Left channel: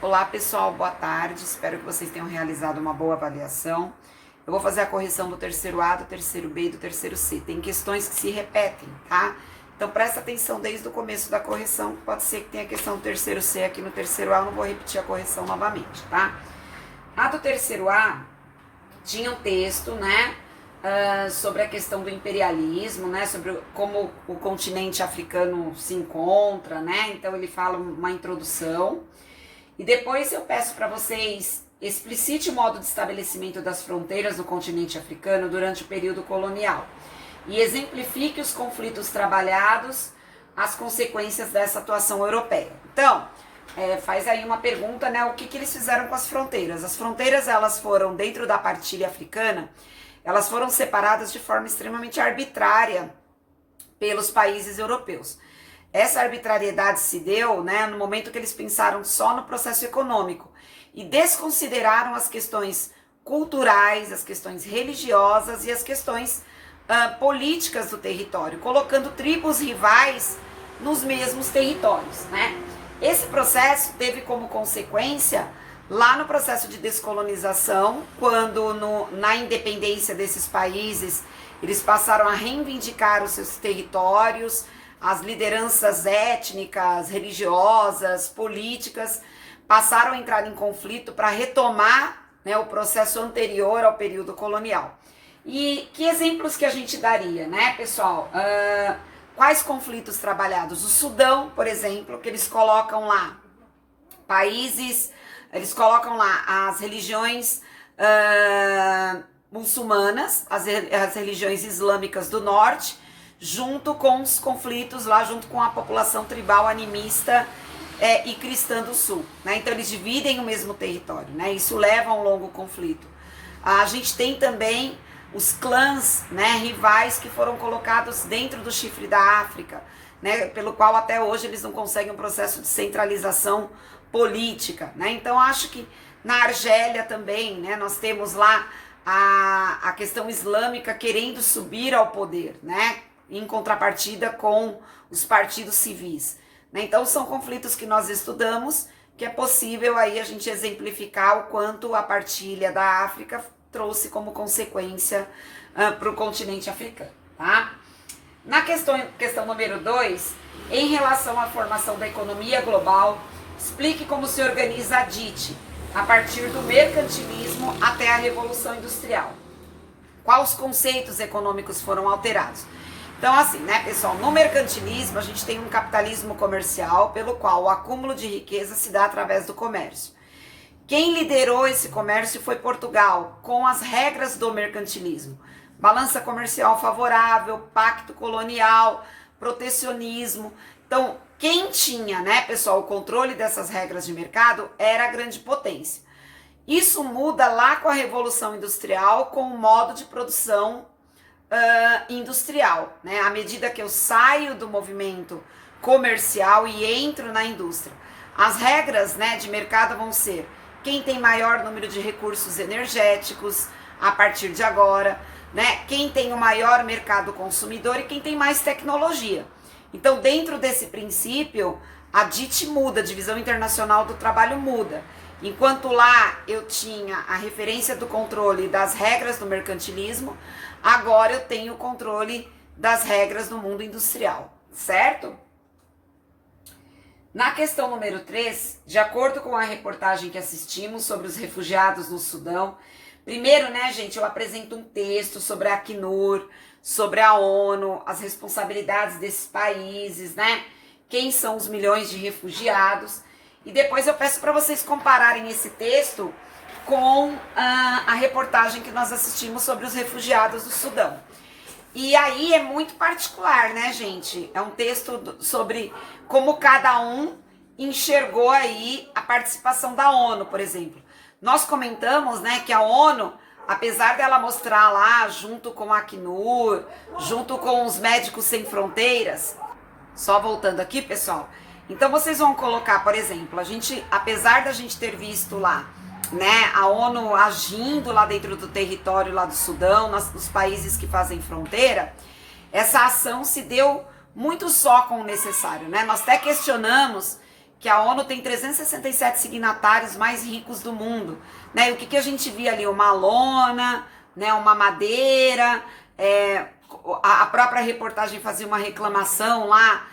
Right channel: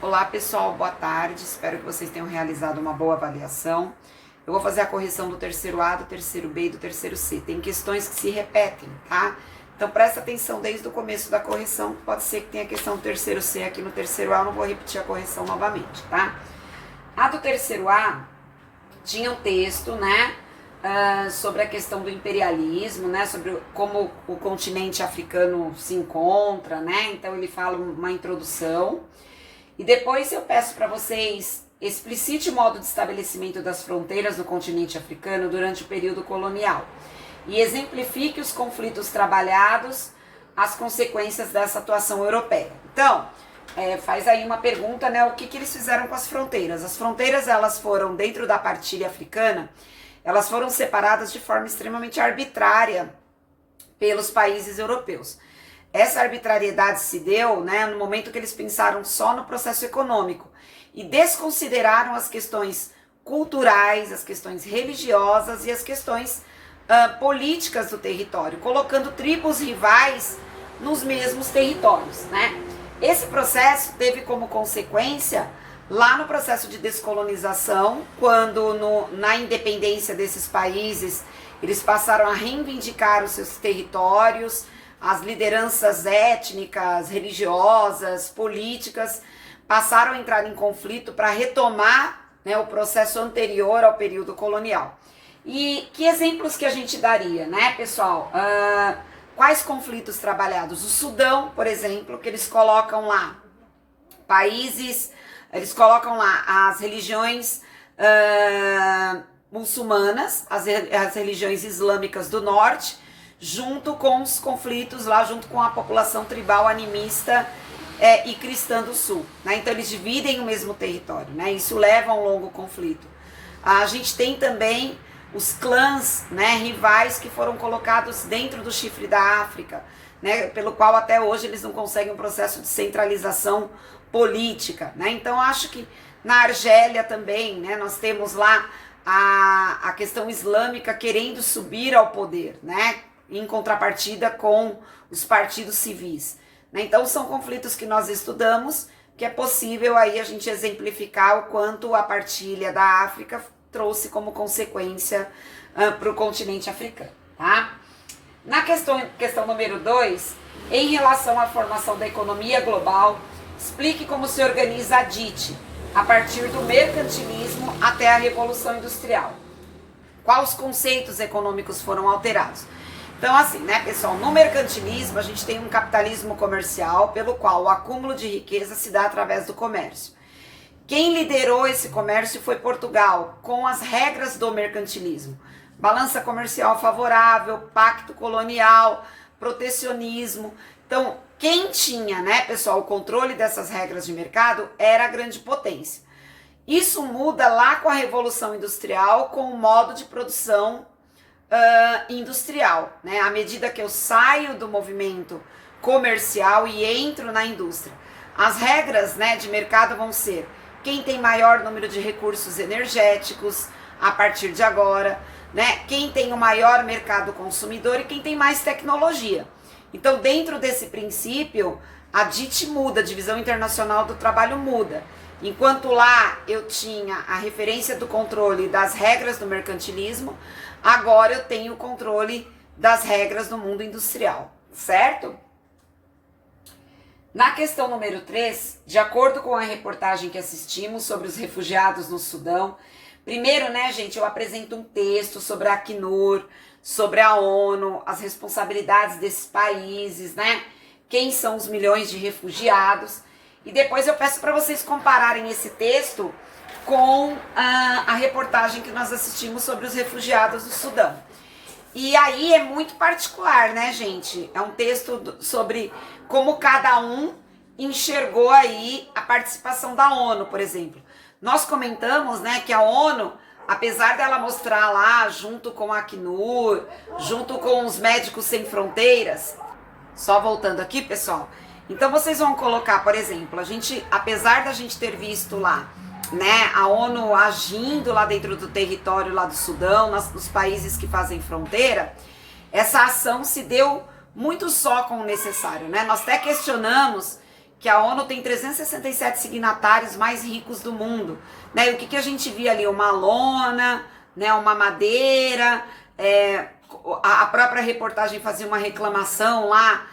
Olá pessoal, boa tarde, espero que vocês tenham realizado uma boa avaliação. Eu vou fazer a correção do terceiro A, do terceiro B e do terceiro C. Tem questões que se repetem, tá? Então presta atenção desde o começo da correção, pode ser que tenha a questão do terceiro C aqui no terceiro A, eu não vou repetir a correção novamente, tá? A do terceiro A tinha um texto, né, sobre a questão do imperialismo, né, sobre como o continente africano se encontra, né, então ele fala uma introdução. E depois eu peço para vocês explicite o modo de estabelecimento das fronteiras no continente africano durante o período colonial e exemplifique os conflitos trabalhados, as consequências dessa atuação europeia. Então, faz aí uma pergunta, né, o que eles fizeram com as fronteiras? As fronteiras, elas foram, dentro da partilha africana, elas foram separadas de forma extremamente arbitrária pelos países europeus. Essa arbitrariedade se deu, né, no momento que eles pensaram só no processo econômico e desconsideraram as questões culturais, as questões religiosas e as questões políticas do território, colocando tribos rivais nos mesmos territórios, né? Esse processo teve como consequência, lá no processo de descolonização, quando na independência desses países, eles passaram a reivindicar os seus territórios, as lideranças étnicas, religiosas, políticas passaram a entrar em conflito para retomar, né, o processo anterior ao período colonial. E que exemplos que a gente daria, né, pessoal? Quais conflitos trabalhados? O Sudão, por exemplo, que eles colocam lá países, eles colocam lá as religiões muçulmanas, as religiões islâmicas do norte, junto com os conflitos lá, junto com a população tribal animista e cristã do sul, né? Então eles dividem o mesmo território, né? Isso leva a um longo conflito. A gente tem também os clãs, né, rivais que foram colocados dentro do chifre da África, né, pelo qual até hoje eles não conseguem um processo de centralização política, né? Então acho que na Argélia também, né, nós temos lá a questão islâmica querendo subir ao poder, né, em contrapartida com os partidos civis, né? Então são conflitos que nós estudamos, que é possível aí a gente exemplificar o quanto a partilha da África trouxe como consequência para o continente africano, tá? Na questão número 2, em relação à formação da economia global, explique como se organiza a DIT, a partir do mercantilismo até a Revolução Industrial. Quais conceitos econômicos foram alterados? Então, assim, né, pessoal, no mercantilismo a gente tem um capitalismo comercial pelo qual o acúmulo de riqueza se dá através do comércio. Quem liderou esse comércio foi Portugal, com as regras do mercantilismo. Balança comercial favorável, pacto colonial, protecionismo. Então, quem tinha, né, pessoal, o controle dessas regras de mercado era a grande potência. Isso muda lá com a Revolução Industrial, com o modo de produção industrial, né? À medida que eu saio do movimento comercial e entro na indústria. As regras, né, de mercado vão ser quem tem maior número de recursos energéticos a partir de agora, né? Quem tem o maior mercado consumidor e quem tem mais tecnologia. Então, dentro desse princípio, a DIT muda, a Divisão Internacional do Trabalho muda. Enquanto lá eu tinha a referência do controle das regras do mercantilismo, agora eu tenho o controle das regras do mundo industrial, certo? Na questão número 3, de acordo com a reportagem que assistimos sobre os refugiados no Sudão, primeiro, né, gente, eu apresento um texto sobre a Acnur, sobre a ONU, as responsabilidades desses países, né? Quem são os milhões de refugiados. E depois eu peço para vocês compararem esse texto com a reportagem que nós assistimos sobre os refugiados do Sudão. E aí é muito particular, né, gente? É um texto sobre como cada um enxergou aí a participação da ONU, por exemplo. Nós comentamos, né, que a ONU, apesar dela mostrar lá, junto com a Acnur, junto com os Médicos Sem Fronteiras, só voltando aqui, pessoal, então vocês vão colocar, por exemplo, apesar da gente ter visto lá, né, a ONU agindo lá dentro do território lá do Sudão, nos países que fazem fronteira, essa ação se deu muito só com o necessário, né? Nós até questionamos que a ONU tem 367 signatários mais ricos do mundo, né? E o que a gente via ali? Uma lona, né? Uma madeira, a própria reportagem fazia uma reclamação lá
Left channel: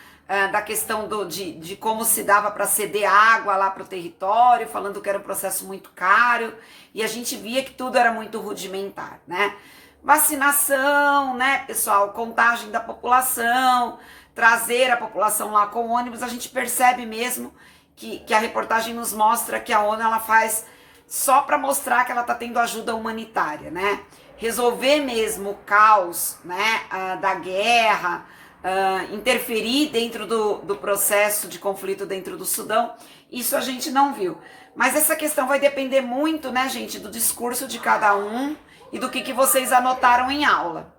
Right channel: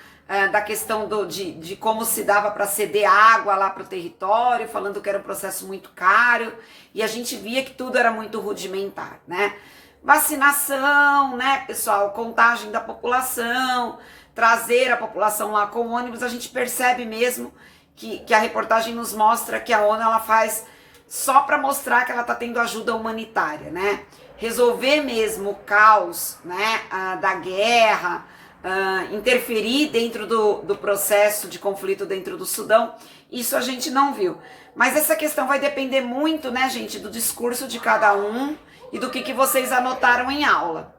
da questão de como se dava para ceder água lá para o território, falando que era um processo muito caro, e a gente via que tudo era muito rudimentar, né? Vacinação, né, pessoal? Contagem da população, trazer a população lá com ônibus, a gente percebe mesmo que a reportagem nos mostra que a ONU ela faz só para mostrar que ela está tendo ajuda humanitária, né? Resolver mesmo o caos, né, da guerra, interferir dentro do processo de conflito dentro do Sudão, isso a gente não viu. Mas essa questão vai depender muito, né, gente, do discurso de cada um e do que vocês anotaram em aula.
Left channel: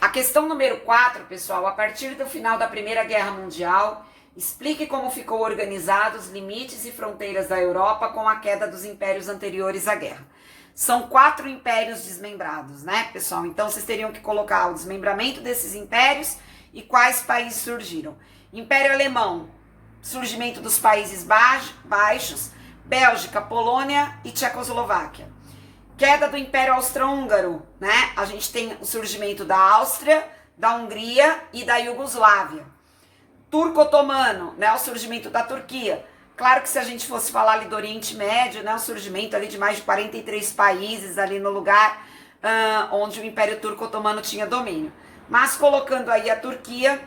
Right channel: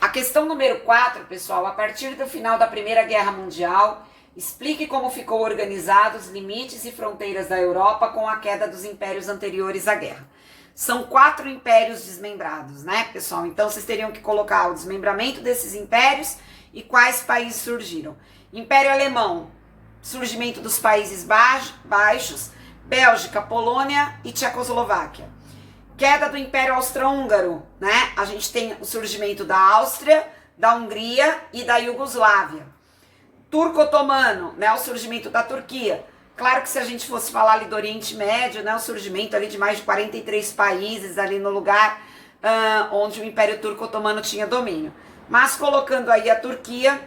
A questão número 4, pessoal, a partir do final da Primeira Guerra Mundial, explique como ficou organizados os limites e fronteiras da Europa com a queda dos impérios anteriores à guerra. São 4 impérios desmembrados, né, pessoal? Então, vocês teriam que colocar o desmembramento desses impérios e quais países surgiram. Império Alemão, surgimento dos Países Baixos, Bélgica, Polônia e Tchecoslováquia. Queda do Império Austro-Húngaro, né? A gente tem o surgimento da Áustria, da Hungria e da Iugoslávia. Turco-Otomano, né? O surgimento da Turquia. Claro que se a gente fosse falar ali do Oriente Médio, né? O surgimento ali de mais de 43 países ali no lugar onde o Império Turco-Otomano tinha domínio. Mas colocando aí a Turquia,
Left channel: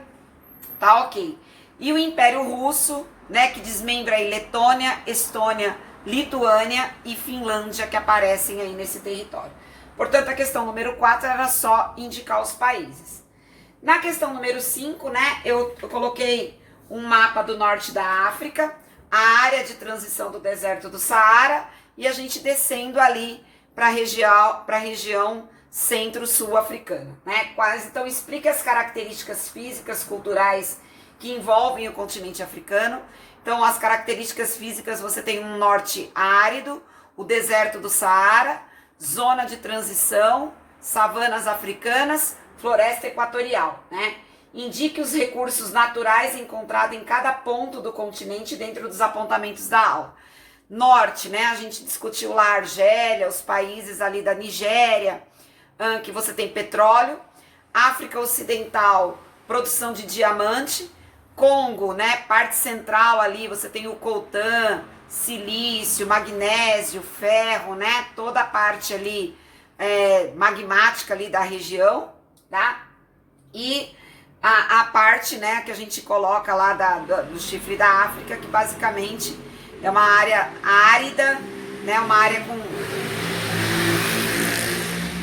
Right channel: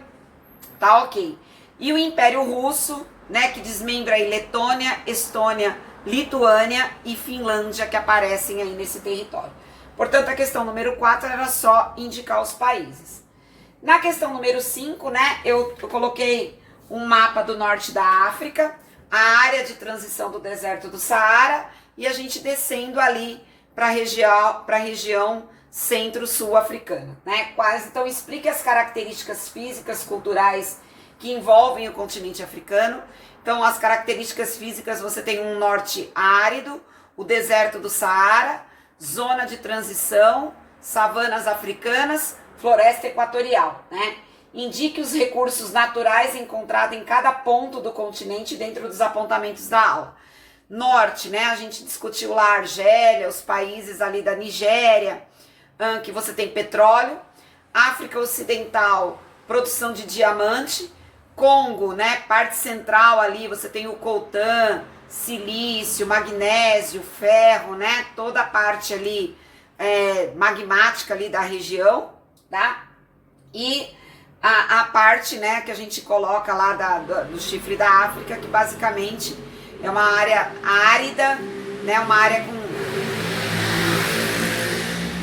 tá ok. E o Império Russo, né? Que desmembra aí Letônia, Estônia, Lituânia e Finlândia, que aparecem aí nesse território. Portanto, a questão número 4 era só indicar os países. Na questão número 5, né, eu coloquei um mapa do norte da África, a área de transição do deserto do Saara, e a gente descendo ali para a região centro-sul africana, né? Então, explique as características físicas, culturais que envolvem o continente africano. Então, as características físicas, você tem um norte árido, o deserto do Saara, zona de transição, savanas africanas, floresta equatorial, né? Indique os recursos naturais encontrados em cada ponto do continente dentro dos apontamentos da aula. Norte, né? A gente discutiu lá a Argélia, os países ali da Nigéria, que você tem petróleo. África Ocidental, produção de diamante. Congo, né, parte central ali, você tem o coltan, silício, magnésio, ferro, né, toda a parte ali magmática ali da região, tá? E a parte, né, que a gente coloca lá do chifre da África, que basicamente é uma área árida, né, uma área com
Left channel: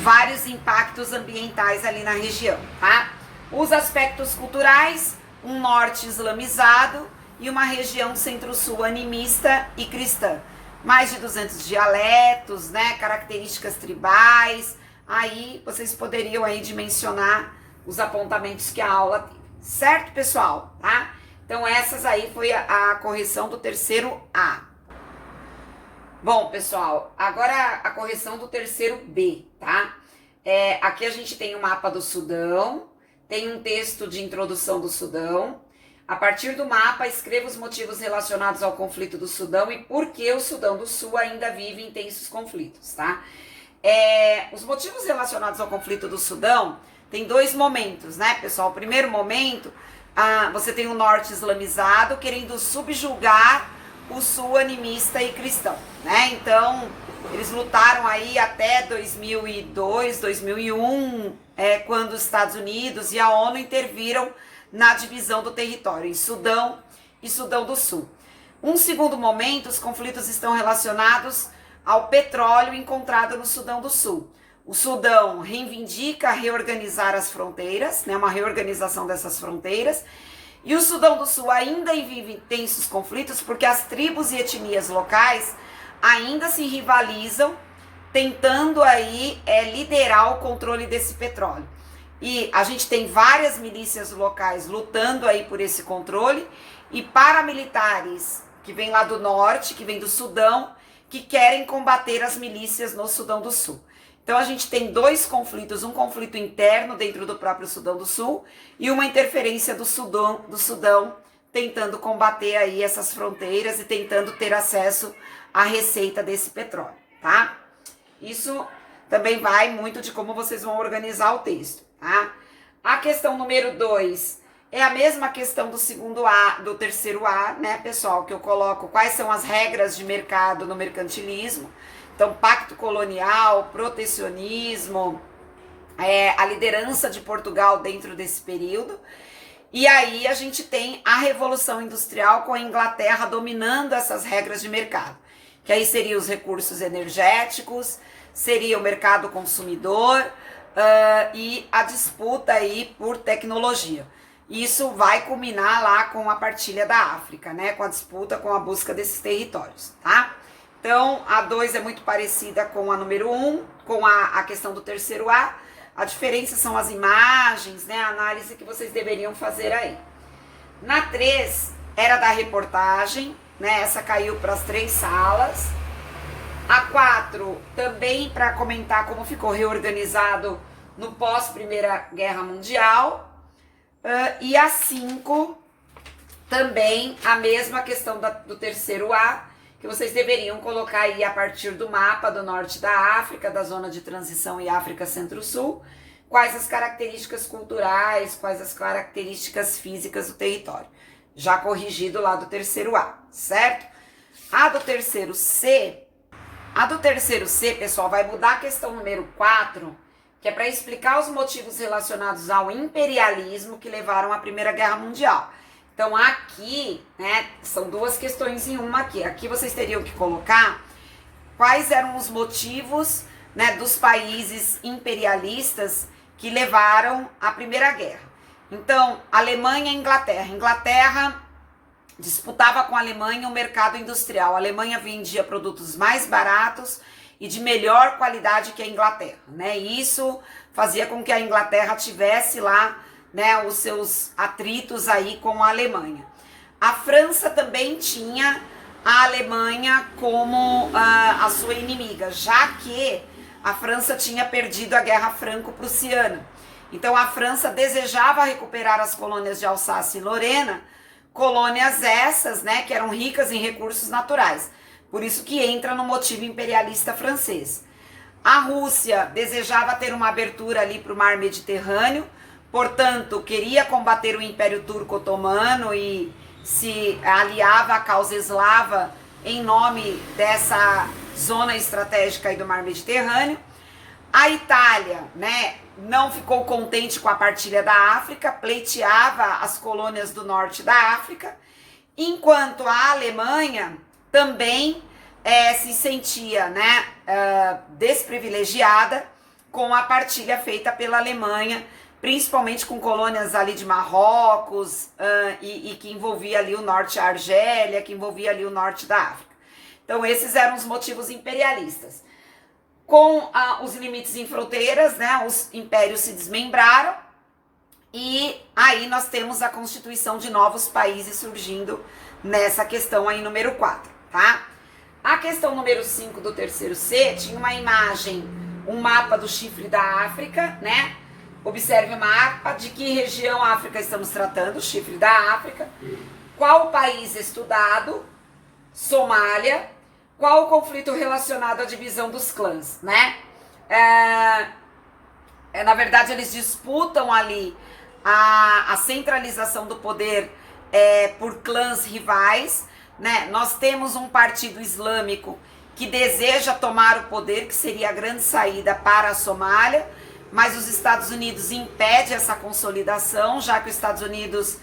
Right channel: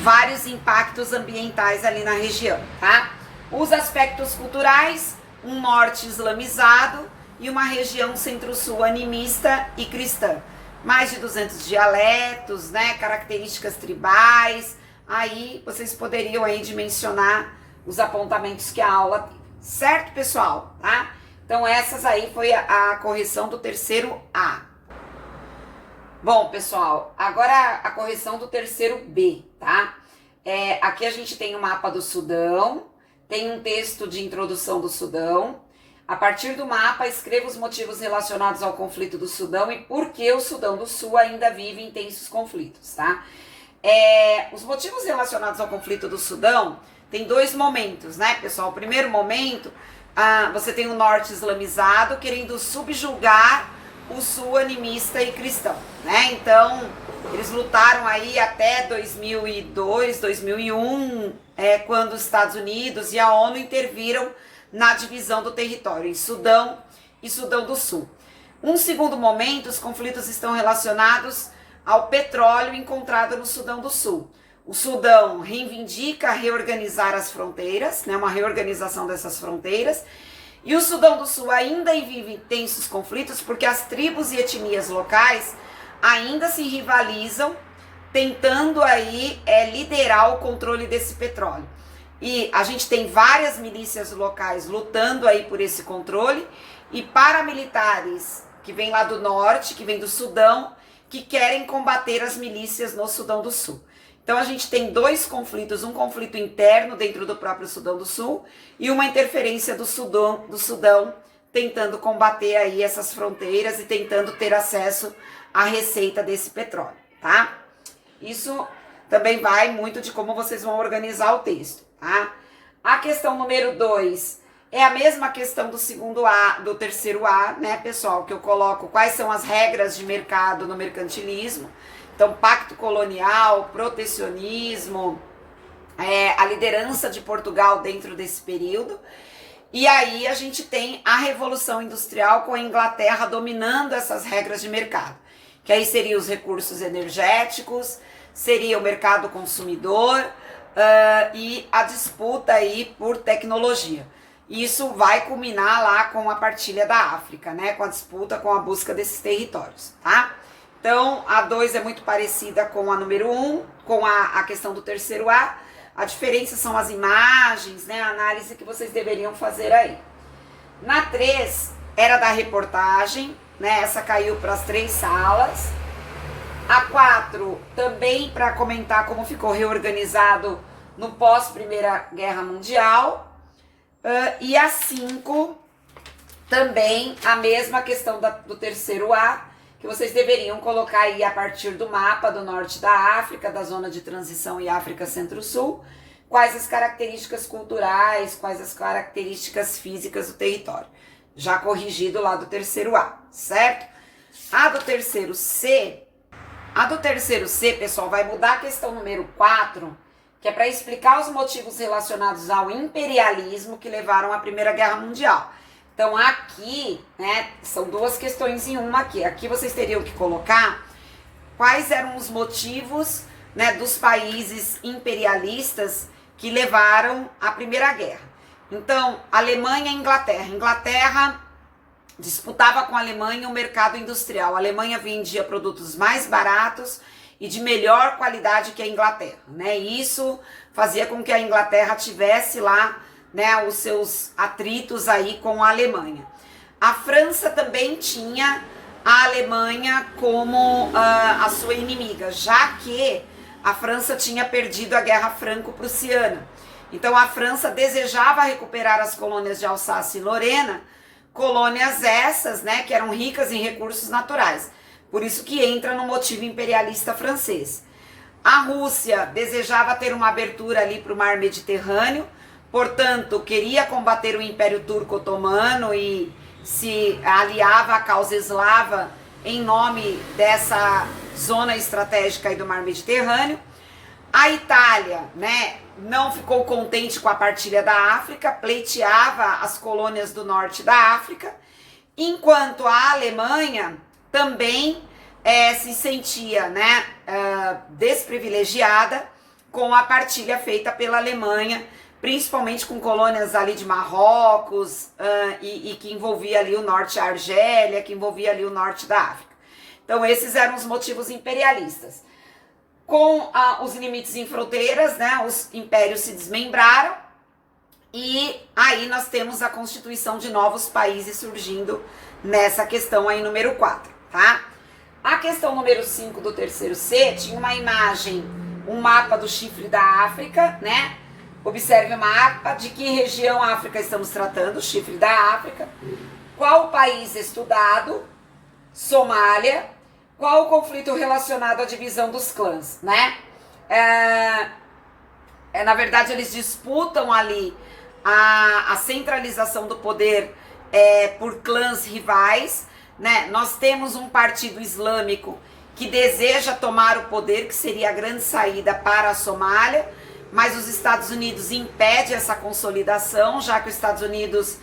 vários impactos ambientais ali na região, tá? Os aspectos culturais, um norte islamizado e uma região centro-sul animista e cristã. Mais de 200 dialetos, né, características tribais. Aí vocês poderiam aí dimensionar os apontamentos que a aula tem. Certo, pessoal? Tá? Então essas aí foi a correção do terceiro A. Bom, pessoal, agora a correção do terceiro B, tá? Aqui a gente tem o mapa do Sudão. Tem um texto de introdução do Sudão. A partir do mapa, escreva os motivos relacionados ao conflito do Sudão e por que o Sudão do Sul ainda vive intensos conflitos, tá? Os motivos relacionados ao conflito do Sudão tem 2 momentos, né, pessoal? O primeiro momento, você tem o norte islamizado querendo subjugar o sul animista e cristão, né? Então, eles lutaram aí até 2002, 2001, quando os Estados Unidos e a ONU interviram na divisão do território em Sudão e Sudão do Sul. Um segundo momento, os conflitos estão relacionados ao petróleo encontrado no Sudão do Sul. O Sudão reivindica reorganizar as fronteiras, né, uma reorganização dessas fronteiras, e o Sudão do Sul ainda vive intensos conflitos porque as tribos e etnias locais ainda se rivalizam, tentando aí liderar o controle desse petróleo. E a gente tem várias milícias locais lutando aí por esse controle e paramilitares que vêm lá do norte, que vêm do Sudão, que querem combater as milícias no Sudão do Sul. Então a gente tem 2 conflitos, um conflito interno dentro do próprio Sudão do Sul e uma interferência do Sudão tentando combater aí essas fronteiras e tentando ter acesso à receita desse petróleo, tá? Isso também vai muito de como vocês vão organizar o texto, tá? A questão número 2 é a mesma questão do segundo A, do terceiro A, né, pessoal? Que eu coloco quais são as regras de mercado no mercantilismo. Então, pacto colonial, protecionismo, a liderança de Portugal dentro desse período. E aí a gente tem a Revolução Industrial com a Inglaterra dominando essas regras de mercado. Que aí seriam os recursos energéticos, seria o mercado consumidor e a disputa aí por tecnologia. Isso vai culminar lá com a partilha da África, né? Com a disputa, com a busca desses territórios, tá? Então, a 2 é muito parecida com a número 1, com a questão do terceiro A. A diferença são as imagens, né? A análise que vocês deveriam fazer aí. Na 3, era da reportagem, né? Essa caiu para as 3 salas. A 4, também para comentar como ficou reorganizado no pós-Primeira Guerra Mundial. E a 5, também a mesma questão do terceiro A, que vocês deveriam colocar aí a partir do mapa do norte da África, da zona de transição e África Centro-Sul, quais as características culturais, quais as características físicas do território. Já corrigido lá do terceiro A, certo? A do terceiro C, pessoal, vai mudar a questão número 4, que é para explicar os motivos relacionados ao imperialismo que levaram à Primeira Guerra Mundial. Então aqui, né, são 2 questões em uma aqui. Aqui vocês teriam que colocar quais eram os motivos, né, dos países imperialistas que levaram à Primeira Guerra. Então, Alemanha e Inglaterra. Inglaterra disputava com a Alemanha o mercado industrial. A Alemanha vendia produtos mais baratos e de melhor qualidade que a Inglaterra, né? E isso fazia com que a Inglaterra tivesse lá, né, os seus atritos aí com a Alemanha. A França também tinha a Alemanha como a sua inimiga, já que a França tinha perdido a Guerra Franco-Prussiana. Então a França desejava recuperar as colônias de Alsácia e Lorena, colônias essas, né, que eram ricas em recursos naturais. Por isso que entra no motivo imperialista francês. A Rússia desejava ter uma abertura ali para o mar Mediterrâneo, portanto, queria combater o Império Turco-Otomano e se aliava à causa eslava em nome dessa zona estratégica aí do mar Mediterrâneo. A Itália, né, não ficou contente com a partilha da África, pleiteava as colônias do norte da África, enquanto a Alemanha também se sentia, né, desprivilegiada com a partilha feita pela Alemanha, principalmente com colônias ali de Marrocos e que envolvia ali o norte da Argélia, que envolvia ali o norte da África. Então esses eram os motivos imperialistas. Com os limites em fronteiras, né, os impérios se desmembraram e aí nós temos a constituição de novos países surgindo nessa questão aí número 4, tá? A questão número 5 do terceiro C tinha uma imagem, um mapa do chifre da África, né? Observe o mapa, de que região África estamos tratando, chifre da África. Qual o país estudado? Somália. Qual o conflito relacionado à divisão dos clãs, né? Na verdade, eles disputam ali a centralização do poder por clãs rivais, né? Nós temos um partido islâmico que deseja tomar o poder, que seria a grande saída para a Somália, mas os Estados Unidos impede essa consolidação, já que os Estados Unidos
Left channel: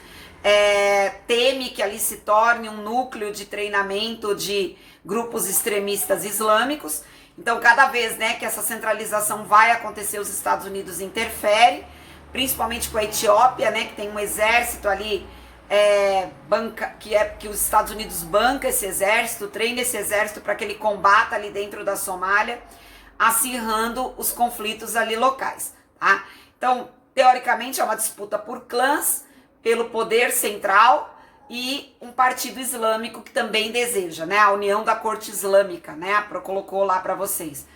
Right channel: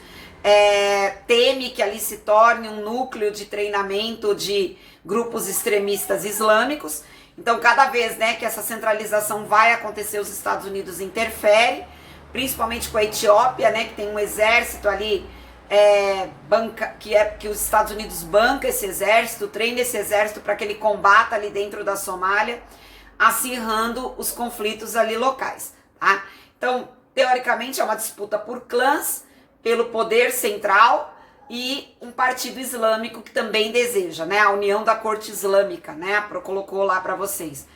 teme que ali se torne um núcleo de treinamento de grupos extremistas islâmicos. Então, cada vez, né, que essa centralização vai acontecer, os Estados Unidos interferem, principalmente com a Etiópia, né, que tem um exército ali, que os Estados Unidos banca esse exército, treina esse exército para que ele combata ali dentro da Somália, acirrando os conflitos ali locais, tá? Então, teoricamente, é uma disputa por clãs, pelo poder central, e um partido islâmico que também deseja, né? A União da Corte Islâmica, né? Colocou lá para vocês.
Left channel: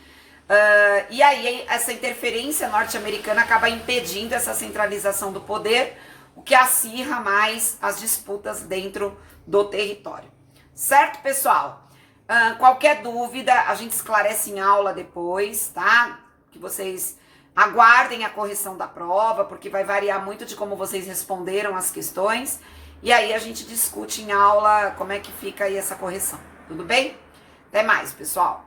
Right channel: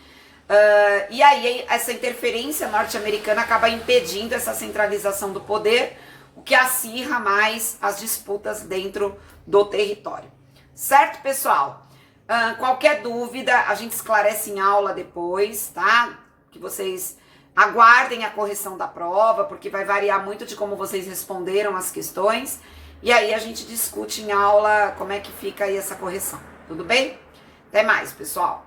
E aí essa interferência norte-americana acaba impedindo essa centralização do poder. o que acirra mais as disputas dentro do território. Certo, pessoal? Qualquer dúvida, a gente esclarece em aula depois, tá? Que vocês aguardem a correção da prova, porque vai variar muito de como vocês responderam as questões. E aí a gente discute em aula como é que fica aí essa correção. Tudo bem? Até mais, pessoal!